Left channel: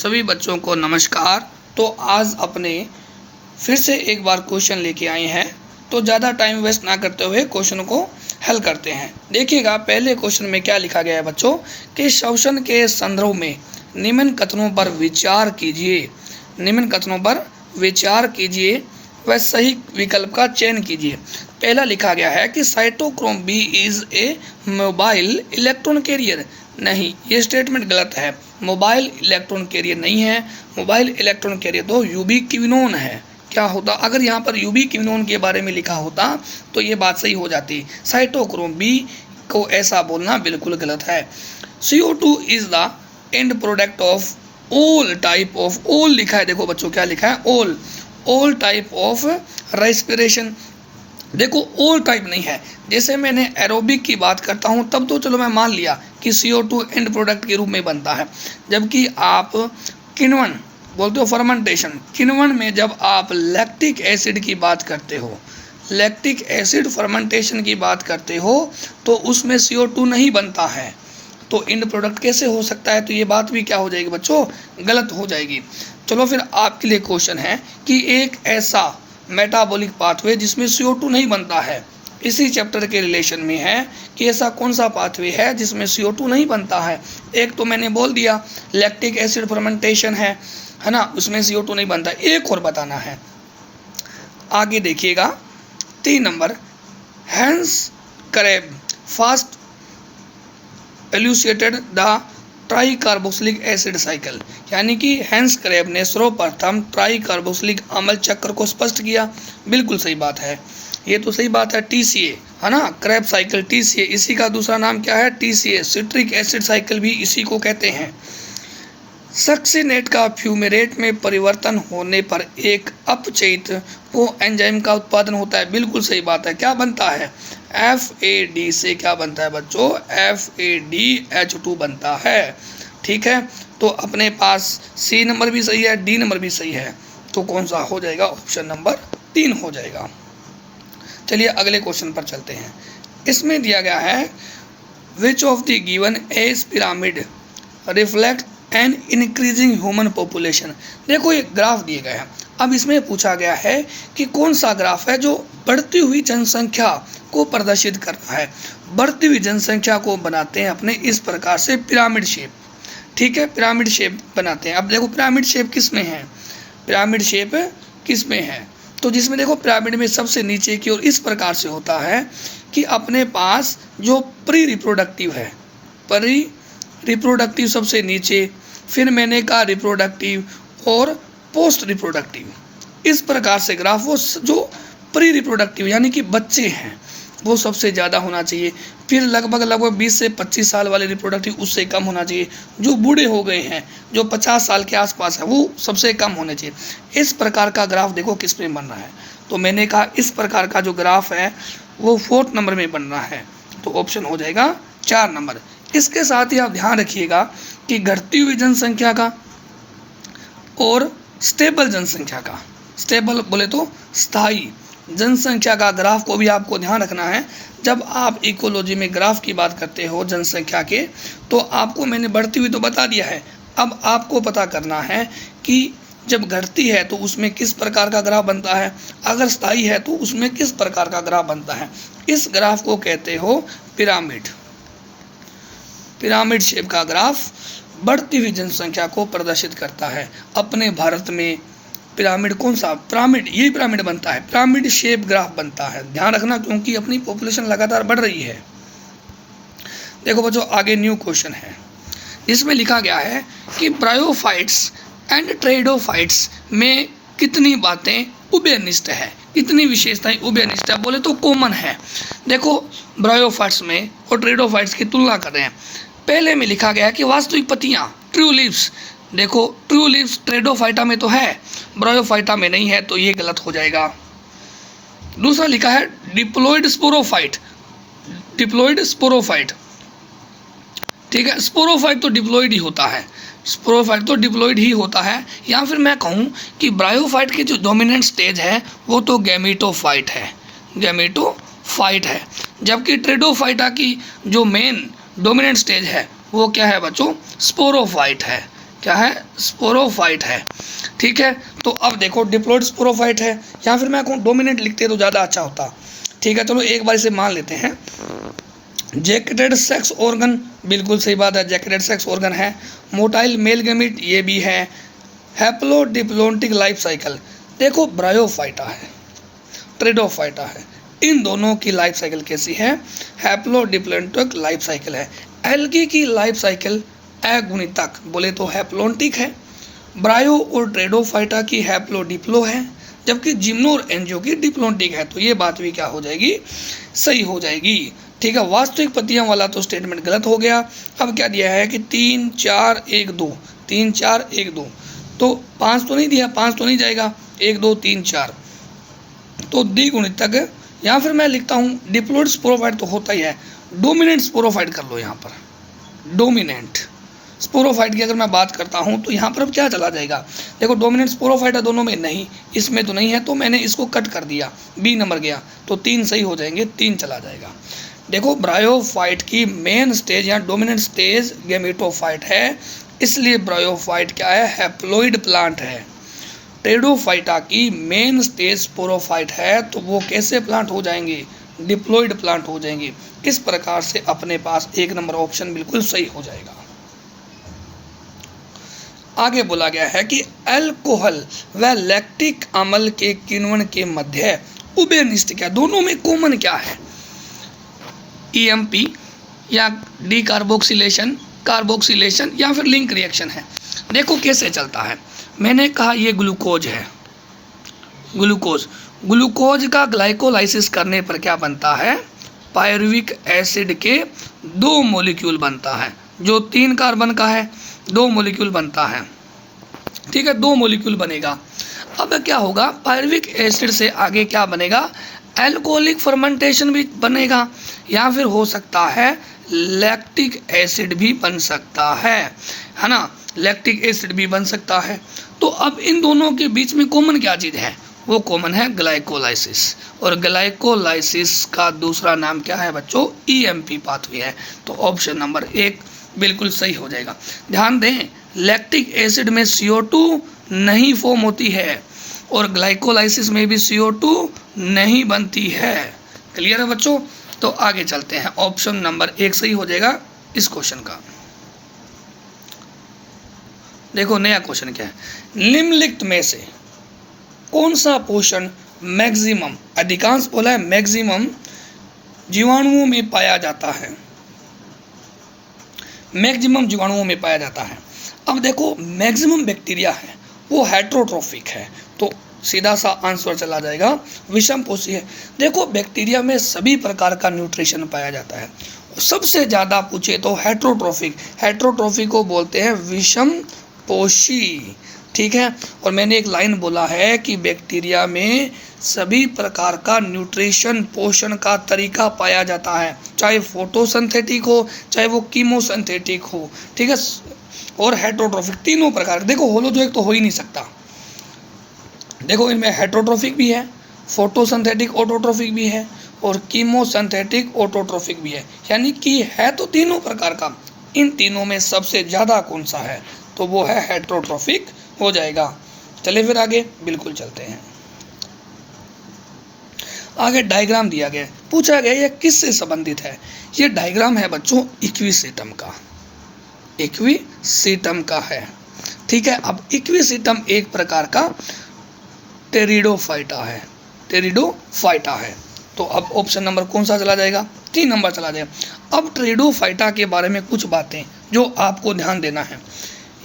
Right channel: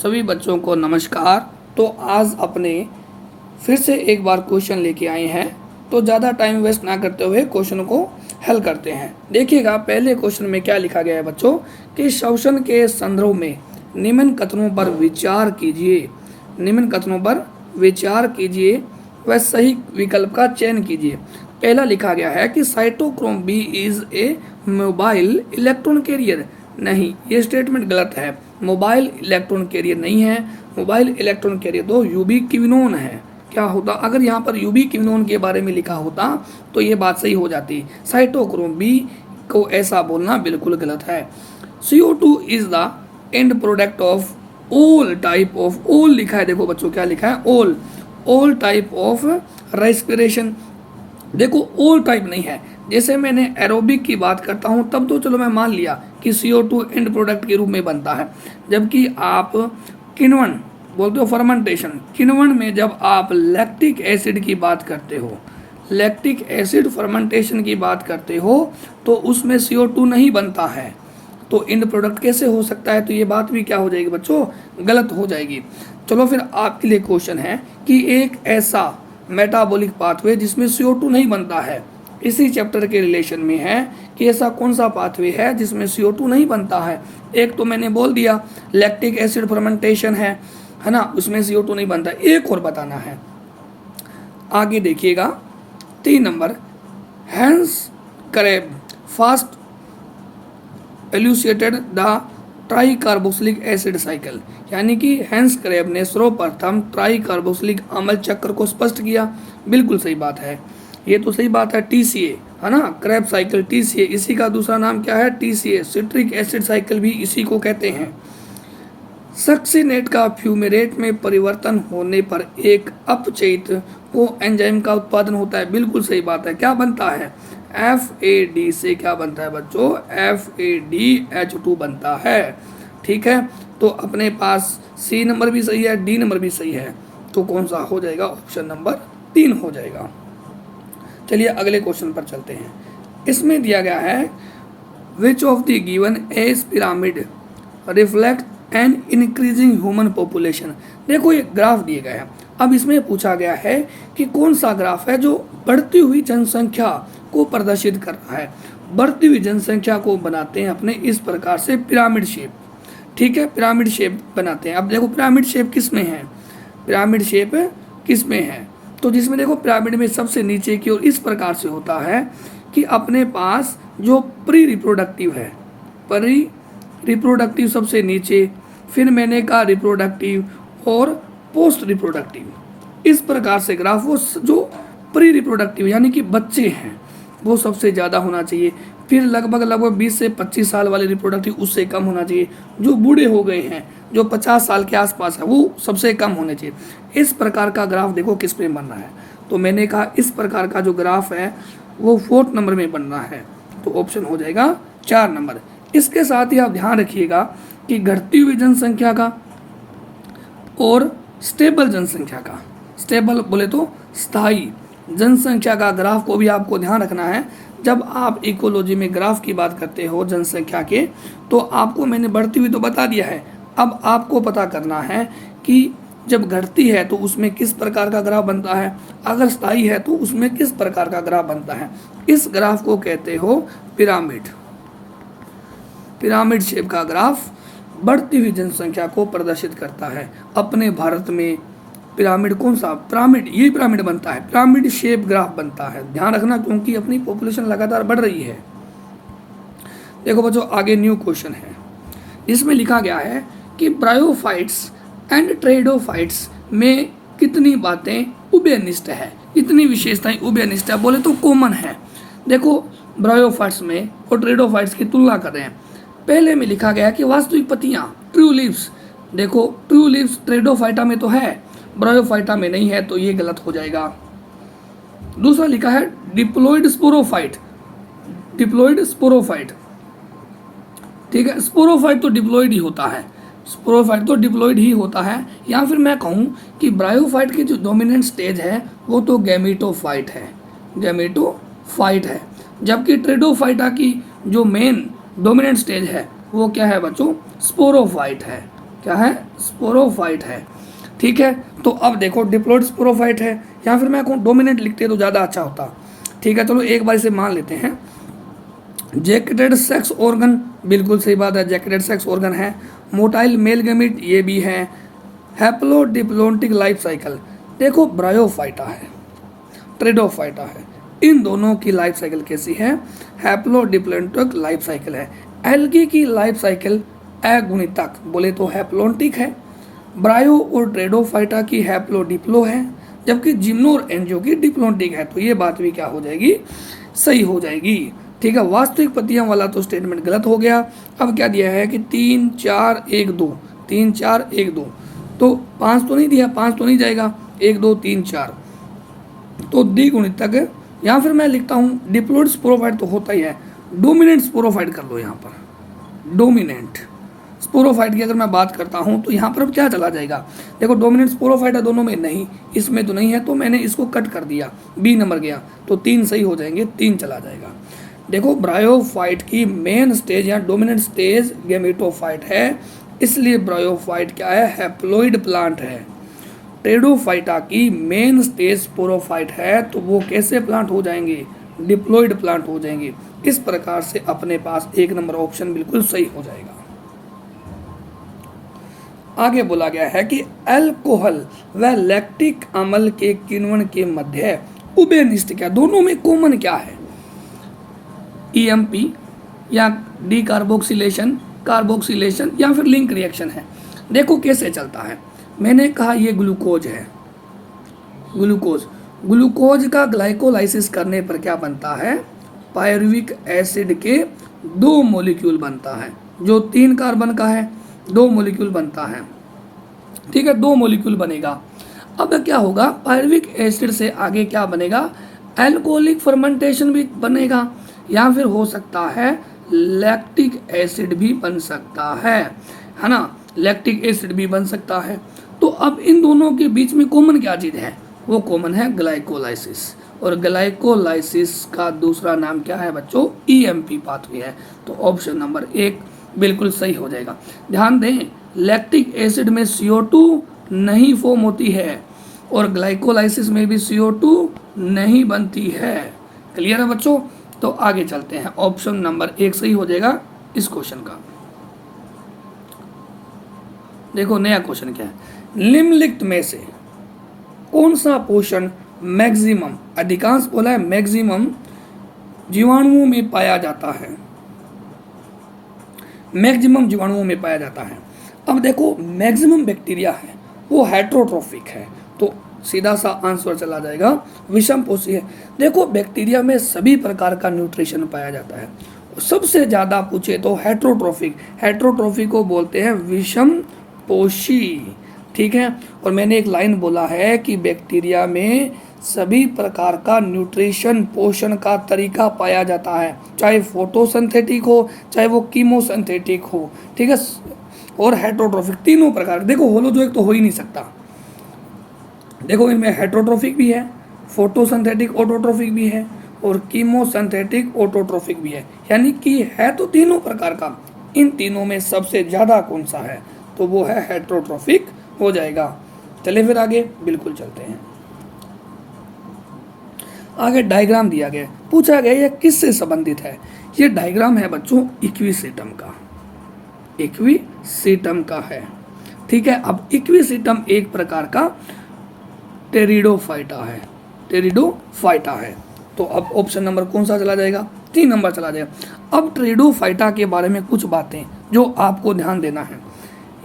सभी बच्चों को नमस्कार। तो आज अपने फिर से एक बार क्वेश्चन लेके आए हैं, तो ज़्यादा टाइम वेस्ट ना करते हुए क्वेश्चन को हल करते हैं। देखिएगा पहले क्वेश्चन में क्या लिखा गया है बच्चों कि शोषण के संदर्भ में निम्न कथनों पर विचार कीजिए। निम्न कथनों पर विचार कीजिए व सही विकल्प का चयन कीजिए। पहला लिखा गया है कि cytochrome B is a mobile electron carrier. नहीं, ये स्टेटमेंट गलत है। मोबाइल इलेक्ट्रॉन कैरियर नहीं है। मोबाइल इलेक्ट्रॉन कैरियर तो यूबिक्विनोन है। क्या होता अगर यहाँ पर यूबिक्विनोन के बारे में लिखा होता तो ये बात सही हो जाती। साइटोक्रोम बी को ऐसा बोलना बिल्कुल गलत है। CO2 is the end product of all type of, all लिखा है, देखो बच्चों क्या लिखा है, ऑल टाइप ऑफ रेस्पिरेशन। देखो ऑल टाइप नहीं है। जैसे मैंने एरोबिक की बात करता हूँ तब तो चलो मैं मान लिया कि CO2 एंड प्रोडक्ट के रूप में बनता है, जबकि आप किण्वन बोलते हो फर्मेंटेशन, किण्वन में जब आप लैक्टिक एसिड की बात करते हो, लैक्टिक एसिड फर्मेंटेशन की बात करते हो तो उसमें CO2 नहीं बनता है, तो एंड प्रोडक्ट कैसे हो सकता है। तो ये बात भी क्या हो जाएगी बच्चों, गलत हो जाएगी। चलो फिर आपके लिए क्वेश्चन है कि एक ऐसा मेटाबॉलिक पाथवे जिसमें CO2 नहीं बनता है, इसी चैप्टर के रिलेशन में है कि ऐसा कौन सा पाथवे है जिसमें CO2 नहीं बनता है। एक तो मैंने बोल दिया लैक्टिक एसिड फर्मेंटेशन है ना, उसमें CO2 नहीं बनता। एक और बताना है, आगे देखिएगा 3 number, Hans Krebs first elucidated the tricarboxylic acid cycle, यानी कि हैंस करेब ने सर्वप्रथम ट्राई कार्बोक्सिलिक अम्ल चक्र को स्पष्ट किया। बिल्कुल सही बात है, ये तो सही बात है। TCA है ना, क्रेब साइकिल TCA, इसी का दूसरा नाम क्या है, TCA सिट्रिक एसिड साइकिल भी इसी को कहते हैं। सक्सिनेट का फ्यूमेरेट में परिवर्तन होने पर एक अपचयित को एंजाइम का उत्पादन होता है। बिल्कुल सही बात है। क्या बनता है, FAD से क्या बनता है बच्चों, FADH2 बनता है। ठीक है, तो अपने पास C नंबर भी सही है, D नंबर भी सही है, तो कौन सा हो जाएगा, ऑप्शन नंबर 3 हो जाएगा। चलिए अगले क्वेश्चन पर चलते हैं। इसमें दिया गया है which of the given age pyramid reflect an increasing human population. देखो ये ग्राफ दिए गए हैं। अब इसमें पूछा गया है कि कौन सा ग्राफ है जो बढ़ती हुई जनसंख्या को प्रदर्शित कर रहा है। बढ़ती हुई जनसंख्या को बनाते हैं अपने इस प्रकार से पिरामिड शेप। ठीक है, पिरामिड शेप बनाते हैं। अब देखो पिरामिड शेप किस में है, पिरामिड शेप किस में है, तो जिसमें देखो पिरामिड में सबसे नीचे की ओर इस प्रकार से होता है कि अपने पास जो प्री रिप्रोडक्टिव है, प्री रिप्रोडक्टिव सबसे नीचे, फिर मैंने कहा रिप्रोडक्टिव और पोस्ट रिप्रोडक्टिव, इस प्रकार से ग्राफ वो जो प्री रिप्रोडक्टिव यानी कि बच्चे हैं वो सबसे ज़्यादा होना चाहिए, फिर लगभग 20 से 25 साल वाले रिप्रोडक्टिव उससे कम होना चाहिए, जो बूढ़े हो गए हैं जो 50 साल के आसपास है वो सबसे कम होने चाहिए। इस प्रकार का ग्राफ देखो किस में बन रहा है, तो मैंने कहा इस प्रकार का जो ग्राफ है वो 4th नंबर में बन रहा है, तो ऑप्शन हो जाएगा 4 नंबर। इसके साथ ही आप ध्यान रखिएगा कि घटती हुई जनसंख्या का और स्टेबल जनसंख्या का, स्टेबल बोले तो स्थायी जनसंख्या का ग्राफ को भी आपको ध्यान रखना है। जब आप इकोलॉजी में ग्राफ की बात करते हो जनसंख्या के, तो आपको मैंने बढ़ती हुई तो बता दिया है, अब आपको पता करना है कि जब घटती है तो उसमें किस प्रकार का ग्राफ बनता है, अगर स्थायी है तो उसमें किस प्रकार का ग्राफ बनता है। इस ग्राफ को कहते हो पिरामिड। पिरामिड शेप का ग्राफ बढ़ती हुई जनसंख्या को प्रदर्शित करता है। अपने भारत में पिरामिड कौन सा, पिरामिड, यही पिरामिड बनता है, पिरामिड शेप ग्राफ बनता है। ध्यान रखना क्योंकि अपनी पॉपुलेशन लगातार बढ़ रही है। देखो बच्चों आगे न्यू क्वेश्चन है, जिसमें लिखा गया है कि ब्रायोफाइट्स एंड ट्रेडोफाइट्स में कितनी बातें उभयनिष्ठ है, कितनी विशेषताएं उभयनिष्ठ है, बोले तो कॉमन है। देखो ब्रायोफाइट्स में और ट्रेडोफाइट्स की तुलना करें। पहले में लिखा गया कि वास्तविक पत्तियां, ट्रू लीव्स, देखो ट्रू लीव्स ट्रेडोफाइटा में तो है, ब्रायोफाइटा में नहीं है, तो ये गलत हो जाएगा। दूसरा लिखा है डिप्लॉयड स्पोरोफाइट, डिप्लॉयड स्पोरोफाइट, ठीक है, स्पोरोफाइट तो डिप्लॉयड ही होता है, स्पोरोफाइट तो डिप्लॉयड ही होता है। या फिर मैं कहूँ कि ब्रायोफाइट की जो डोमिनेंट स्टेज है वो तो गैमेटोफाइट है, गैमेटोफाइट है, जबकि ट्रेडोफाइटा की जो मेन डोमिनेंट स्टेज है वो क्या है बच्चों, स्पोरोफाइट है। क्या है, स्पोरोफाइट है। ठीक है, तो अब देखो डिप्लॉइड स्पोरोफाइट है, या फिर मैं कहूँ डोमिनेंट लिखते तो ज़्यादा अच्छा होता। ठीक है, चलो एक बार इसे मान लेते हैं। जैकेटेड सेक्स ऑर्गन, बिल्कुल सही बात है, जैकेटेड सेक्स ऑर्गन है। मोटाइल मेल गैमीट, ये भी है। हैप्लोडिप्लोइडिक लाइफ साइकिल, देखो ब्रायोफाइटा है, ट्रेडोफाइटा है, इन दोनों की लाइफ साइकिल कैसी है, हैप्लोडिप्लोइडिक लाइफ साइकिल है। एल्गी की लाइफ साइकिल अगुणितक बोले तो हैप्लोन्टिक है। ब्रायो और ट्रेडोफाइटा की हैप्लोडिप्लो है, जबकि जिम्नो और एंजियो की डिप्लोन्टिक है। तो ये बात भी क्या हो जाएगी, सही हो जाएगी। ठीक है, वास्तविक पतियों वाला तो स्टेटमेंट गलत हो गया। अब क्या दिया है कि 3 4 1 2, 3 4 1 2, तो 5 तो नहीं दिया, 5 तो नहीं जाएगा, 1 2 3 4, तो द्विगुणितक, या फिर मैं लिखता हूँ डिप्लॉइड स्पोरोफाइट तो होता ही है, डोमिनेंट स्पोरोफाइट कर लो यहाँ पर, डोमिनेंट स्पोरोफाइट की अगर मैं बात करता हूँ तो यहाँ पर अब क्या चला जाएगा, देखो डोमिनेंट स्पोरोफाइट है दोनों में, नहीं इसमें तो नहीं है, तो मैंने इसको कट कर दिया, बी नंबर गया, तो 3 सही हो जाएंगे, 3 चला जाएगा। देखो ब्रायोफाइट की मेन स्टेज या डोमिनेंट स्टेज गैमेटोफाइट है, इसलिए ब्रायोफाइट क्या है, हैप्लोइड प्लांट है। टेडोफाइटा की मेन स्टेज स्पोरोफाइट है, तो वो कैसे प्लांट हो जाएंगे, डिप्लॉइड प्लांट हो जाएंगे। इस प्रकार से अपने पास 1 नंबर ऑप्शन बिल्कुल सही हो जाएगा। आगे बोला गया है कि अल्कोहल व लैक्टिक अम्ल के किण्वन के मध्य उभयनिष्ठ क्या, दोनों में कॉमन क्या है, EMP या डी कार्बोक्सिलेशन, कार्बोक्सिलेशन या फिर लिंक रिएक्शन है। देखो कैसे चलता है, मैंने कहा ये ग्लूकोज है, ग्लूकोज का ग्लाइकोलाइसिस करने पर क्या बनता है, पायरुविक एसिड के 2 मॉलिक्यूल बनता है, जो 3 कार्बन का है, 2 मॉलिक्यूल बनता है। ठीक है, 2 मॉलिक्यूल बनेगा। अब क्या होगा, पायरुविक एसिड से आगे क्या बनेगा, एल्कोहलिक फर्मेंटेशन भी बनेगा, या फिर हो सकता है लैक्टिक एसिड भी बन सकता है ना, लैक्टिक एसिड भी बन सकता है। तो अब इन दोनों के बीच में कॉमन क्या चीज़ है, वो कॉमन है ग्लाइकोलाइसिस, और ग्लाइकोलाइसिस का दूसरा नाम क्या है बच्चों, EMP पाथवे है। तो ऑप्शन नंबर 1 बिल्कुल सही हो जाएगा। ध्यान दें, लैक्टिक एसिड में CO2 नहीं फॉर्म होती है, और ग्लाइकोलाइसिस में भी CO2 नहीं बनती है। क्लियर है बच्चों, तो आगे चलते हैं, ऑप्शन नंबर 1 सही हो जाएगा इस क्वेश्चन का। देखो नया क्वेश्चन क्या है, निम्नलिखित में से कौन सा पोषण मैक्सिमम, अधिकांश बोला है मैक्सिमम जीवाणुओं में पाया जाता है, मैक्सिमम जीवाणुओं में पाया जाता है। अब देखो मैक्सिमम बैक्टीरिया है वो हेट्रोट्रोफिक है, तो सीधा सा आंसर चला जाएगा विषम पोषी है। देखो बैक्टीरिया में सभी प्रकार का न्यूट्रिशन पाया जाता है, सबसे ज़्यादा पूछे तो हेट्रोट्रोफिक, हेट्रोट्रोफिक को बोलते हैं विषम पोषी। ठीक है, और मैंने एक लाइन बोला है कि बैक्टीरिया में सभी प्रकार का न्यूट्रिशन पोषण का तरीका पाया जाता है, चाहे फोटोसिंथेटिक हो चाहे वो कीमोसिंथेटिक हो। ठीक है, और हेट्रोट्रोफिक, तीनों प्रकार। देखो होलोजोइक तो हो ही नहीं सकता, देखो इनमें हेट्रोट्रोफिक भी है, फोटोसिंथेटिक ऑटोट्रोफिक भी है, और कीमोसिंथेटिक ऑटोट्रोफिक भी है, यानी कि है तो तीनों प्रकार का। इन तीनों में सबसे ज़्यादा कौन सा है, तो वो है हेट्रोट्रोफिक हो जाएगा। चलिए फिर आगे बिल्कुल चलते हैं। आगे डायग्राम दिया गया, पूछा गया यह किससे संबंधित है। ये डायग्राम है बच्चों इक्विसेटम का, इक्विसेटम का है। ठीक है, अब इक्विसेटम एक प्रकार का टेरिडोफाइटा है, टेरिडोफाइटा है। तो अब ऑप्शन नंबर कौन सा चला जाएगा, 3 नंबर चला जाएगा। अब टेरिडोफाइटा के बारे में कुछ बातें जो आपको ध्यान देना है।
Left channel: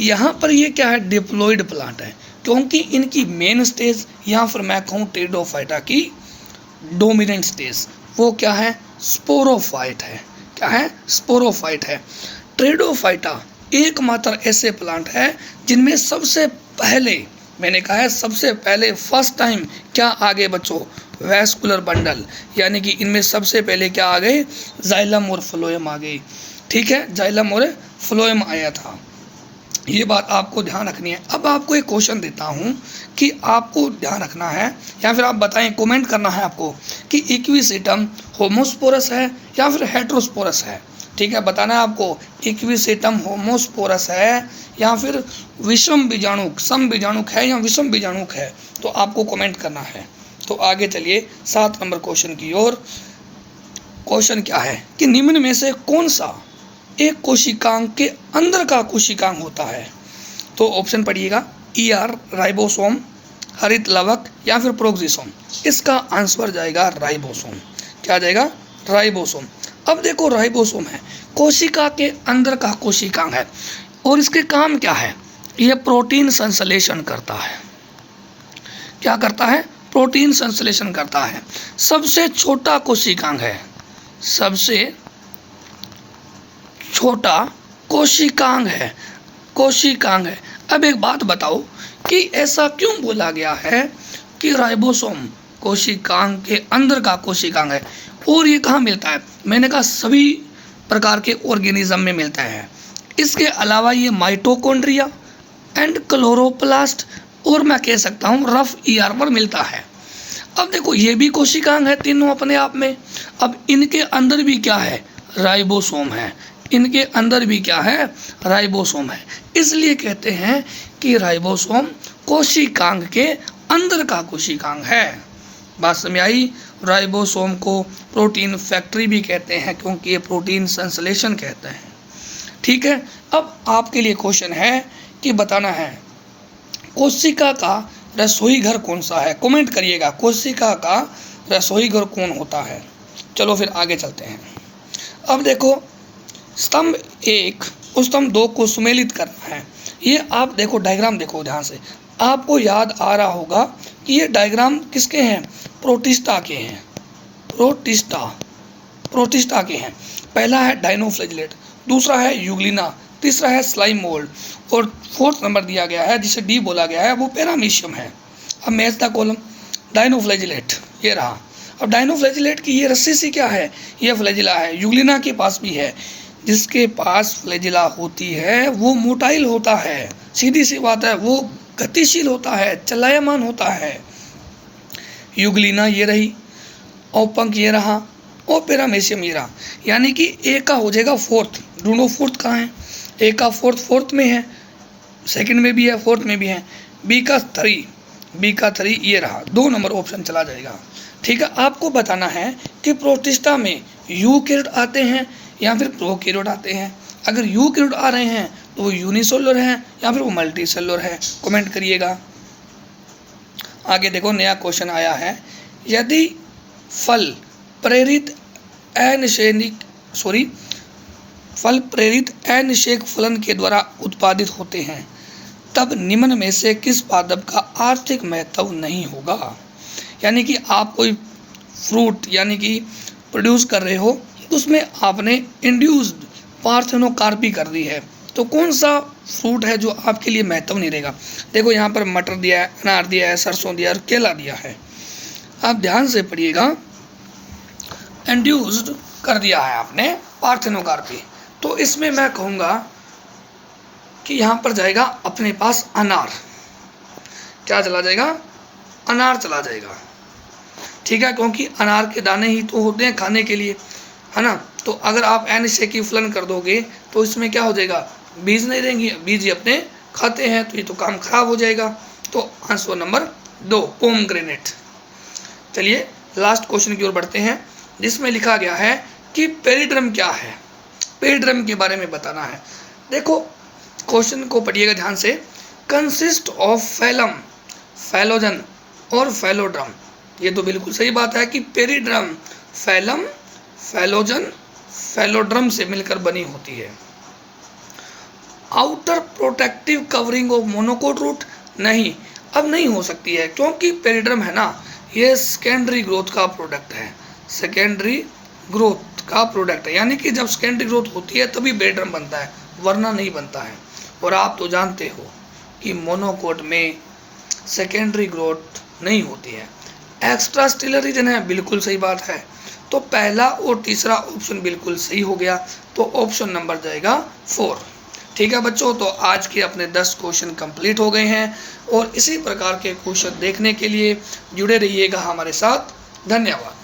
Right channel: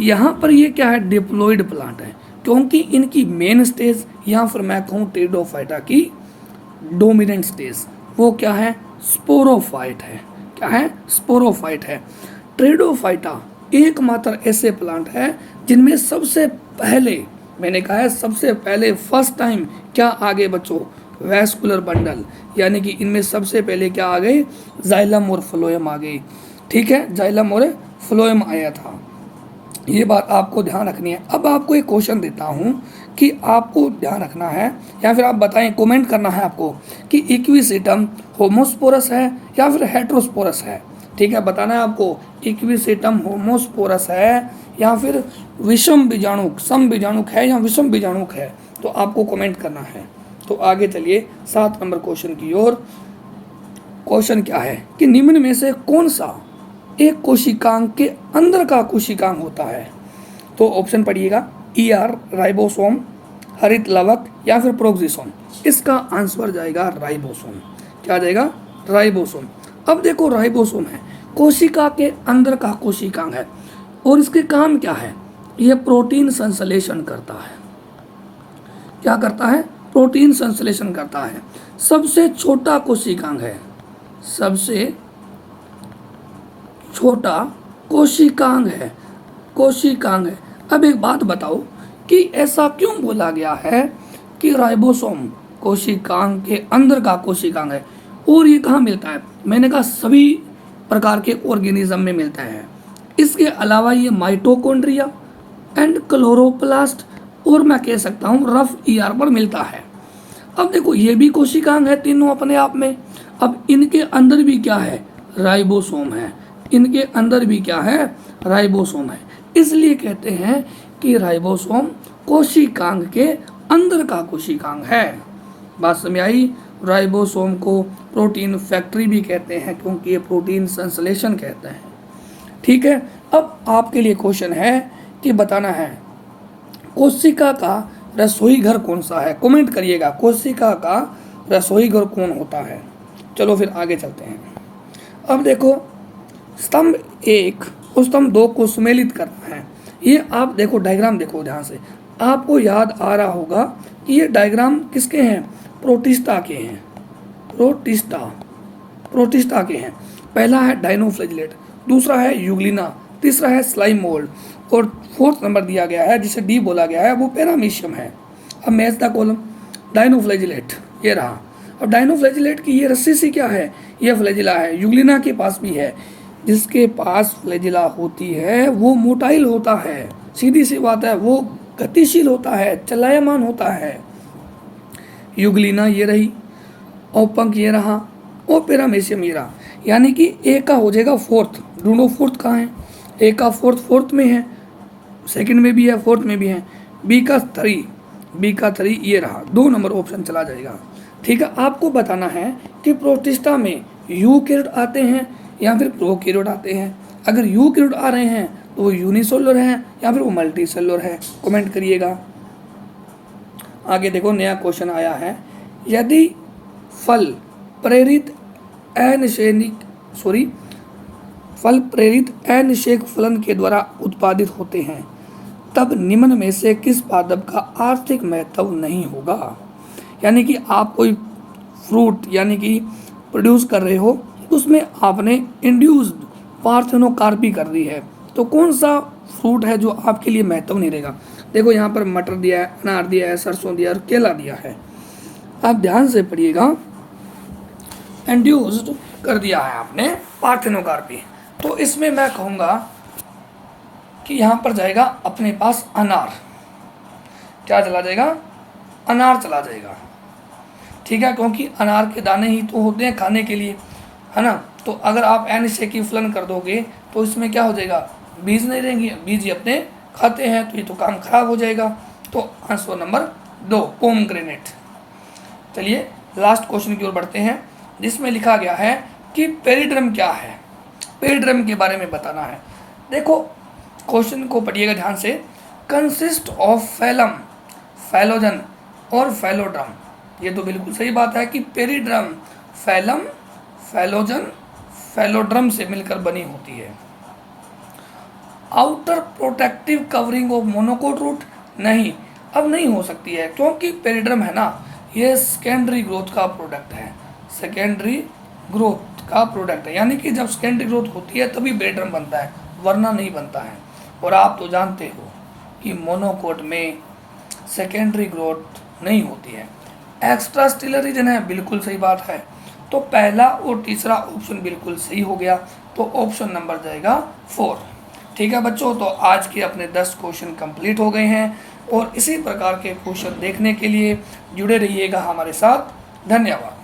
यहाँ पर ये क्या है, डिप्लॉइड प्लांट है, क्योंकि इनकी मेन स्टेज या फिर मैं कहूँ टेरिडोफाइटा की डोमिनेंट स्टेज वो क्या है, स्पोरोफाइट है। क्या है, स्पोरोफाइट है। टेरिडोफाइटा एकमात्र ऐसे प्लांट है जिनमें सबसे पहले, मैंने कहा है सबसे पहले, फर्स्ट टाइम क्या आ गए बच्चों, वैस्कुलर बंडल, यानी कि इनमें सबसे पहले क्या आ गए, जाइलम और फ्लोएम आ गई। ठीक है, जाइलम और फ्लोएम आया था, ये बात आपको ध्यान रखनी है। अब आपको एक क्वेश्चन देता हूँ कि आपको ध्यान रखना है, या फिर आप बताएं, कमेंट करना है आपको कि इक्विसेटम होमोस्पोरस है या फिर हेट्रोस्पोरस है। ठीक है, बताना है आपको इक्विसेटम होमोस्पोरस है या फिर विषम बीजाणुक, सम बीजाणुक है या विषम बीजाणुक है, तो आपको कमेंट करना है। तो आगे चलिए 7 नंबर क्वेश्चन की ओर। क्वेश्चन क्या है कि निम्न में से कौन सा एक कोशिकांग के अंदर का कोशिकांग होता है? तो ऑप्शन पढ़िएगा, ईआर राइबोसोम, हरित लवक या फिर प्रोक्सिसोम। इसका आंसर जाएगा राइबोसोम। क्या जाएगा? राइबोसोम। अब देखो राइबोसोम है, कोशिका के अंदर का कोशिकांग है और इसके काम क्या है? यह प्रोटीन संश्लेषण करता है। क्या करता है? प्रोटीन संश्लेषण करता है। सबसे छोटा कोशिकांग है, सबसे छोटा कोशिकांग है, कोशिकांग है। अब एक बात बताओ कि ऐसा क्यों बोला गया है कि राइबोसोम कोशिकांग के अंदर का कोशिकांग है? और ये कहाँ मिलता है? मैंने कहा सभी प्रकार के ऑर्गेनिज्म में मिलता है। इसके अलावा ये माइटोकॉन्ड्रिया एंड क्लोरोप्लास्ट और मैं कह सकता हूँ रफ ईआर पर मिलता है। अब देखो ये भी कोशिकांग है तीनों अपने आप में। अब इनके अंदर भी क्या है? राइबोसोम है। इनके अंदर भी क्या है? राइबोसोम है। इसलिए कहते हैं कि राइबोसोम कोशिकांग के अंदर का कोशिकांग है। बात समझ आई? राइबोसोम को प्रोटीन फैक्ट्री भी कहते हैं क्योंकि ये प्रोटीन संश्लेषण कहते हैं। ठीक है, अब आपके लिए क्वेश्चन है कि बताना है कोशिका का रसोई घर कौन सा है? कमेंट करिएगा, कोशिका का रसोई घर कौन होता है? चलो फिर आगे चलते हैं। अब देखो स्तंभ 1 और स्तंभ 2 को सुमेलित करना है। ये आप देखो डायग्राम देखो ध्यान से, आपको याद आ रहा होगा कि ये डायग्राम किसके हैं? प्रोटिस्टा के हैं। प्रोटिस्टा के हैं। पहला है डायनोफ्लैजिलेट, दूसरा है यूग्लिना, तीसरा है स्लाइम मोल्ड और 4th नंबर दिया गया है जिसे डी बोला गया है वो पैरामीशियम है। अब मैच द कॉलम। डायनोफ्लैजिलेट ये रहा। अब डायनोफ्लैजिलेट की ये रस्सी सी क्या है? ये फ्लैजिला है। यूग्लिना के पास भी है। जिसके पास फ्लैजिला होती है वो मोटाइल होता है, सीधी सी बात है, वो गतिशील होता है, चलायमान होता है। यूग्लिना ये रही और पंख ये रहा और पैरामीशियम ये रहा। यानी कि ए का हो जाएगा 4th। ढूंढो 4th कहाँ है? ए का 4th में है, सेकंड में भी है, 4th में भी है। बी का 3 ये रहा। 2 नंबर ऑप्शन चला जाएगा। ठीक है, आपको बताना है कि प्रोटिस्टा में यूकैरियोट आते हैं या फिर प्रोकैरियोट आते हैं। अगर यूकैरियोट आ रहे हैं तो वो यूनिसेलुलर हैं या फिर वो मल्टीसेलुलर है, कमेंट करिएगा। आगे देखो नया क्वेश्चन आया है, यदि फल प्रेरित अनिषेक फलन के द्वारा उत्पादित होते हैं तब निम्न में से किस पादप का आर्थिक महत्व नहीं होगा? यानी कि आप कोई फ्रूट यानी कि प्रोड्यूस कर रहे हो, उसमें आपने इंड्यूस्ड पार्थेनोकार्पी कर दी है, तो कौन सा फ्रूट है जो आपके लिए महत्व नहीं रहेगा? देखो यहाँ पर मटर दिया है, अनार दिया है, सरसों दिया है और केला दिया है। आप ध्यान से पढ़िएगा, इंड्यूस्ड कर दिया है आपने पार्थेनोकार्पी, तो इसमें मैं कहूँगा कि यहाँ पर जाएगा अपने पास अनार। क्या चला जाएगा? अनार चला जाएगा। ठीक है, क्योंकि अनार के दाने ही तो होते हैं खाने के लिए, है ना। तो अगर आप अनिषेकी फलन कर दोगे तो इसमें क्या हो जाएगा? बीज नहीं रहेंगे, बीज ही अपने खाते हैं, तो ये तो काम खराब हो जाएगा। तो आंसर नंबर 2 पोमग्रेनेट। चलिए लास्ट क्वेश्चन की ओर बढ़ते हैं जिसमें लिखा गया है कि पेरिड्रम क्या है? पेरिड्रम के बारे में बताना है। देखो क्वेश्चन को पढ़िएगा ध्यान से। कंसिस्ट ऑफ फैलम, फैलोजन और फैलोड्रम। ये तो बिल्कुल सही बात है कि पेरिड्रम फैलम, फैलोजन, फैलोड्रम से मिलकर बनी होती है। Outer protective covering of monocot root, नहीं, अब नहीं हो सकती है क्योंकि पेरिड्रम है ना, ये सेकेंडरी ग्रोथ का प्रोडक्ट है। सेकेंडरी ग्रोथ का प्रोडक्ट है, यानी कि जब सेकेंडरी ग्रोथ होती है तभी पेरिड्रम बनता है, वरना नहीं बनता है। और आप तो जानते हो कि मोनोकोट में सेकेंडरी ग्रोथ नहीं होती है। एक्स्ट्रा स्टेलर रीजन है, बिल्कुल सही बात है। तो पहला और तीसरा ऑप्शन बिल्कुल सही हो गया, तो ऑप्शन नंबर जाएगा 4। ठीक है बच्चों, तो आज के अपने 10 क्वेश्चन कंप्लीट हो गए हैं और इसी प्रकार के क्वेश्चन देखने के लिए जुड़े रहिएगा हमारे साथ। धन्यवाद।